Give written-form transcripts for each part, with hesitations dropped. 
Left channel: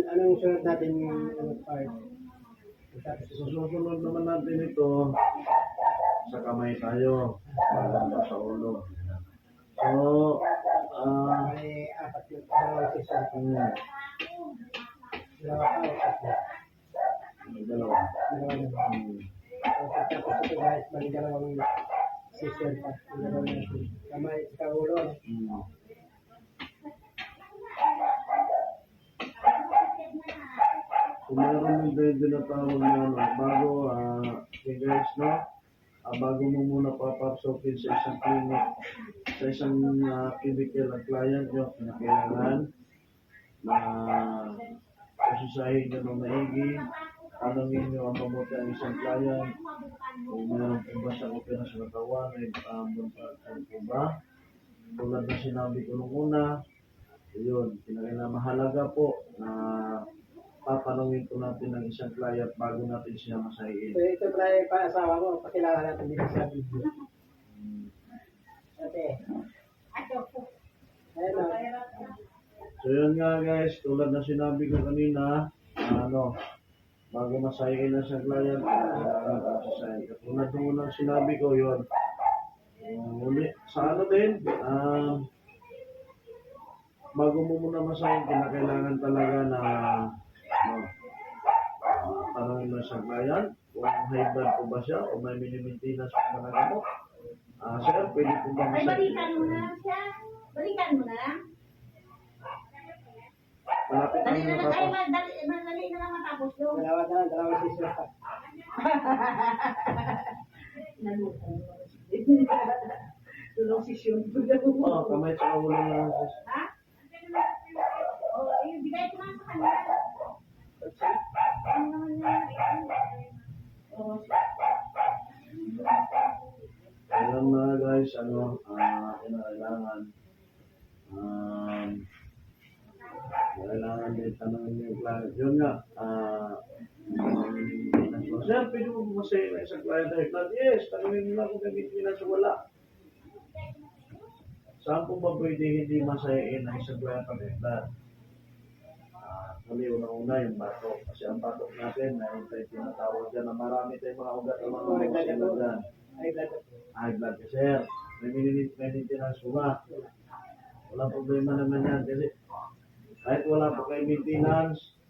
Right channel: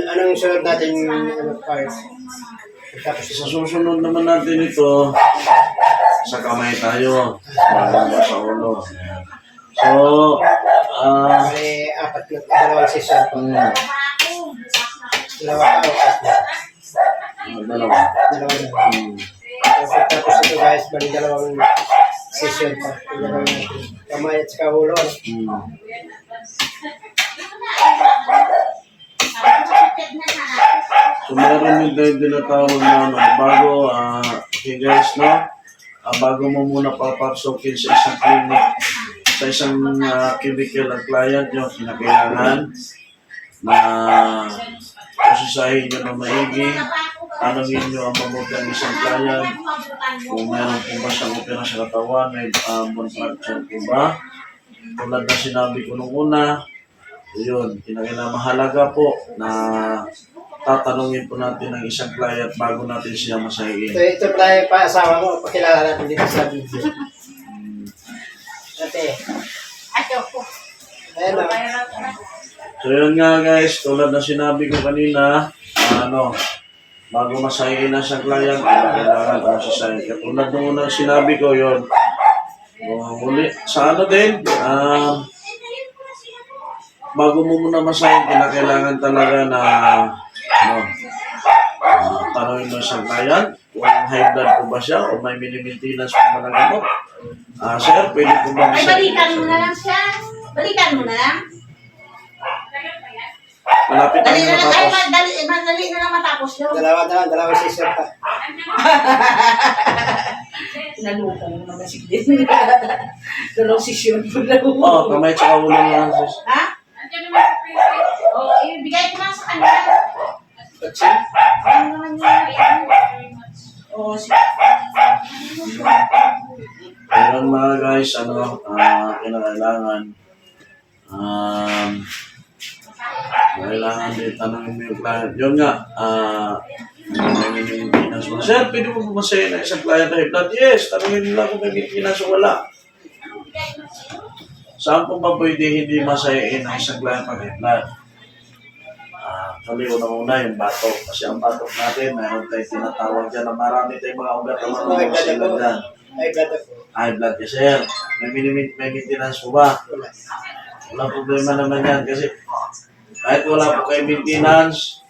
Anong sunod natin parts? Tapos Sa susunod naman natin ito, sa kamay tayo. Bago sa ulo. So, may apat na dalawang session po. Dalawa ka o tatlo? Dalawa. Dalawa na. Tapos ito guys, bali dalawang session pa. Dalawang natin. Kamay at saka ulo. So, meron din tinatawag na bago, okay guys, no? Bago mo muna papapsokin sa isang clinic, sa isang cubicle ang client nyo, kinakailangan na usisahin nyo na maigi, tanongin nyo ang mabuti ang isang client, kung meron po ba siyang opera sa katawan, may contraction po ba, tulad na sinabi ko nung una, yun, kinakailangan mahalaga po na tatanungin po natin ang isang client bago natin siya masahiin. Ito pala yung pa-asawa mo, pakilala natin dito sa video. Ate. Ayan o. So yun nga guys, tulad na sinabi ko kanina, bago masahiin na siyang client, kailangan masasahin. Katulad nung unang sinabi ko yun, muli, sa din, bago mo muna masahin, kailangan talaga na tanongin mo sa client kung high blood po ba siya o may mini-maintenance po ba na gamot. Sir, pwede po ba ay, balikan mo na lang siya. Balikan mo na lang. Malapit Dali na na lang. Ay, matapos. dali na lang matapos yun. Dalawang session pa. Naluko mo naman si Glenn. Dalawang session po lang. Kamay tsaka ulo lang. Ha? Ibigay ko lang sa kanya. Ano naman yun? Oo, sige. Ayun mga guys, kinakailangan din tanongin mo yung client. Yun nga, may maintenance mo. Sir, pwede mo bumasayin na isang client na high blood? Yes, tanongin nila kung may maintenance o wala. Saan po ba pwede hindi masayin ang isang client pag high blood? Actually, unang-una yung batok. Kasi ang batok natin, mayroon tayong tinatawag dyan na marami tayong mga ugat na mga sila dyan. High blood ka, sir. May maintenance po ba? Walang problema naman yan kasi kahit wala po kayo maintenance,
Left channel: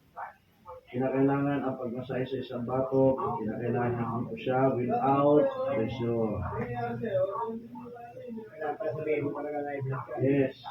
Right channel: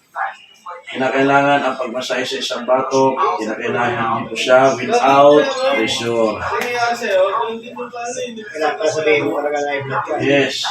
kinakailangan ang pagmasahe sa isang batok, kinakailangan po siya without pressure. Kailangan pa sabihin mo talaga na high blood ka. Yes.